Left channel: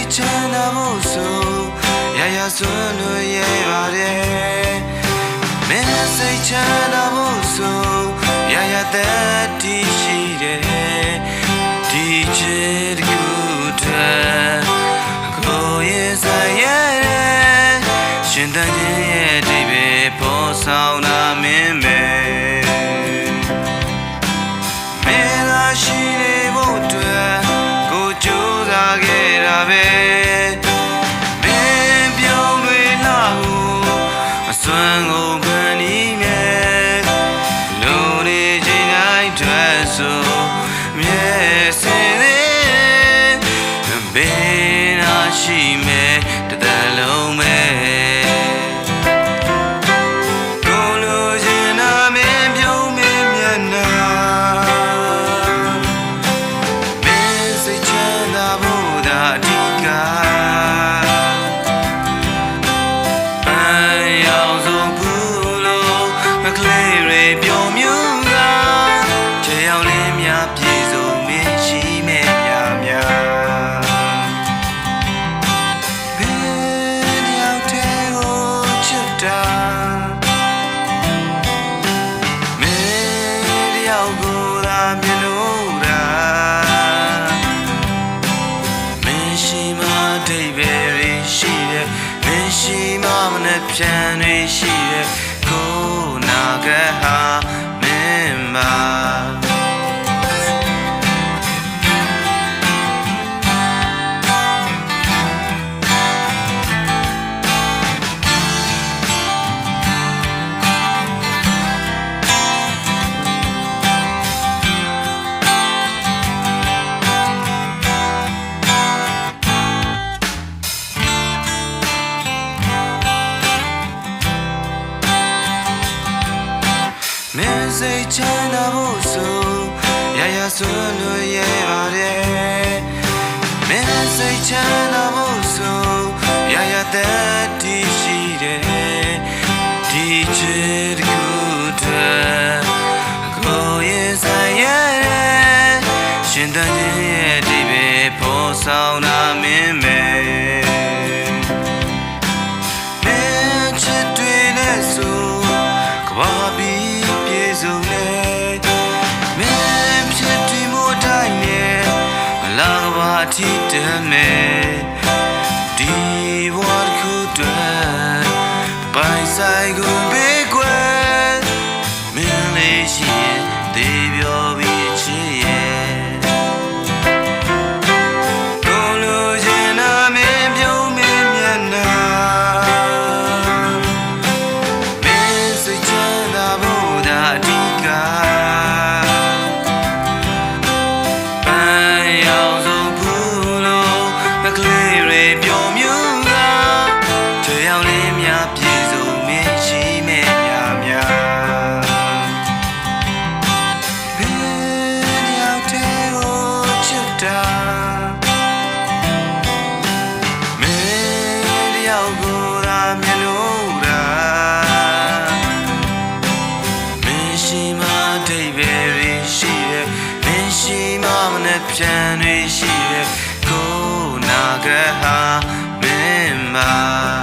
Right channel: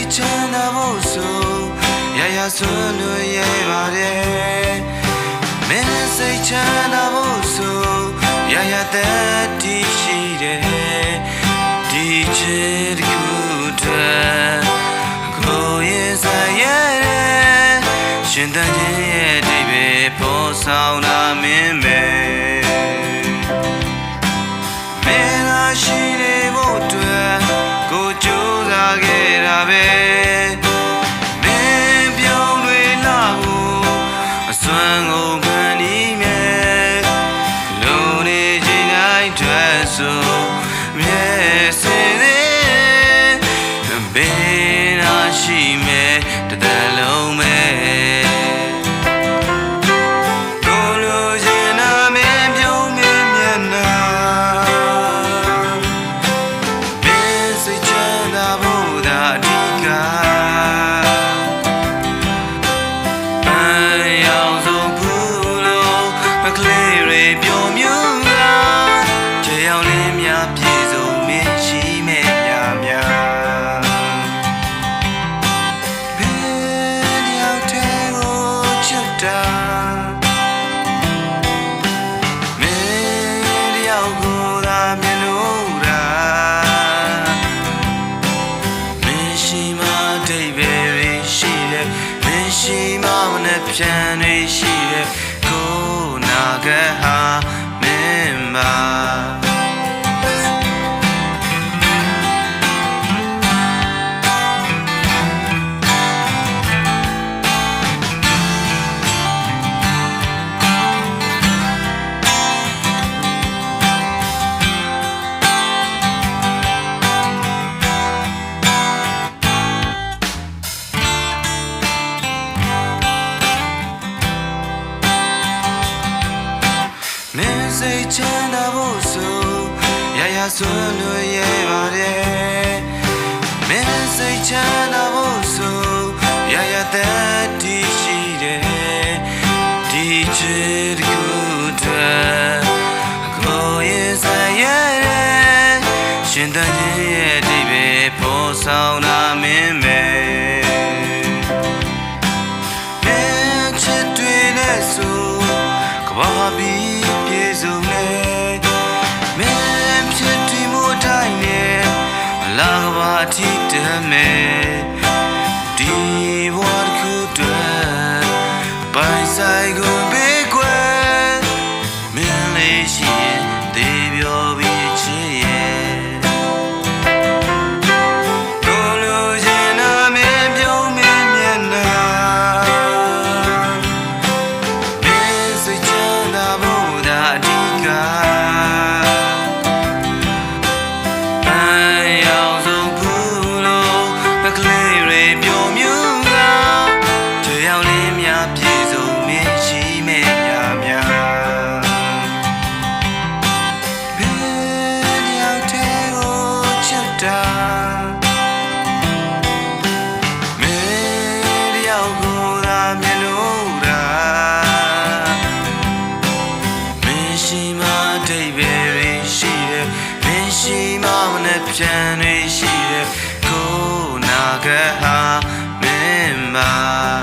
စိတ်ချမ်းသာဖို့ဆိုရရစွန်းလို့ရပါတယ်မင်းစိတ်ချမ်းသာဖို့ဆိုရရသက်တည်ရှိတယ်ဒီချစ်ကူတဲ့ကိုရဲ့ဆိုင်ရဲ့ရှင်တန်ခြင်းရဲ့အဓိပ္ပာယ်ပေါ်ဆောင်တာမင်းပဲမင်းလာရှိနေဖို့အတွက်ကိုကြိုးစားခဲ့တာပဲမင်းပြုံးတွေလာဖို့အစွမ်းကိုဖန်တီးမယ်လုံနေခြင်းတိုင်းတွေ့ဆိုမြဲစင်သေးဘေးနာရှိမယ်တသက်လုံးပဲကိုလိုချင်တာမင်းပြုံးမင်းမျက်နှာမင်းစိတ်ချမ်းသာဖို့သာအဓိကပန်းရောင်စုံဘူးလို့မကလေးတွေပျော်မြူတာချေအောင်လေးများပြေဆုံးမင်းရှိမယ်များမင်းတယောက်ကိုသာမြင်လို့တာမင်းရှိမှအဓိပ္ပာယ်တွေရှိတယ်မင်းရှိမှမနှက်ဖြန်တွေရှိတယ်ကိုနာကဟာမင်းပါမင်းစိတ်ချမ်းသာဖို့ဆိုရရစွန်းလို့ရပါတယ်မင်းစိတ်ချမ်းသာဖို့ဆိုရရသက်တည်ရှိတယ်ဒီချစ်ကူတဲ့ကိုရဲ့ဆိုင်ရဲ့ရှင်တန်ခြင်းရဲ့အဓိပ္ပာယ်ပေါ်ဆောင်တာမင်းပဲမင်းချစ်တွေနဲ့ဆိုကဘာပြီးပြေဆုံးနေမင်းဖြစ်တည်မှုတိုင်းနဲ့မလာကဘာတိတမဲ့ဒီဘဝတစ်ခုတည်းပိုင်ဆိုင်ကိုဘေးကွယ်မင်းလေးရှိရင်သေပြောပြီးချစ်ရဲ့ကိုလိုချင်တာမင်းပြုံးမင်းမျက်နှာအဓိကပန်းရောင်စုံဘူးလို့မကလေးတွေပျော်မြူတာချေအောင်လေးများပြေဆုံးမင်းရှိမယ်များမင်းတယောက်တည်းကိုချစ်တာမင်းတယောက်ကိုသာမြင်လို့တာရှိမှအဓိပ္ပာယ်တွေရှိတယ်မင်းရှိမှမနှက်ဖြန်တွေရှိတယ်ကိုနာကဟာမင်းပါ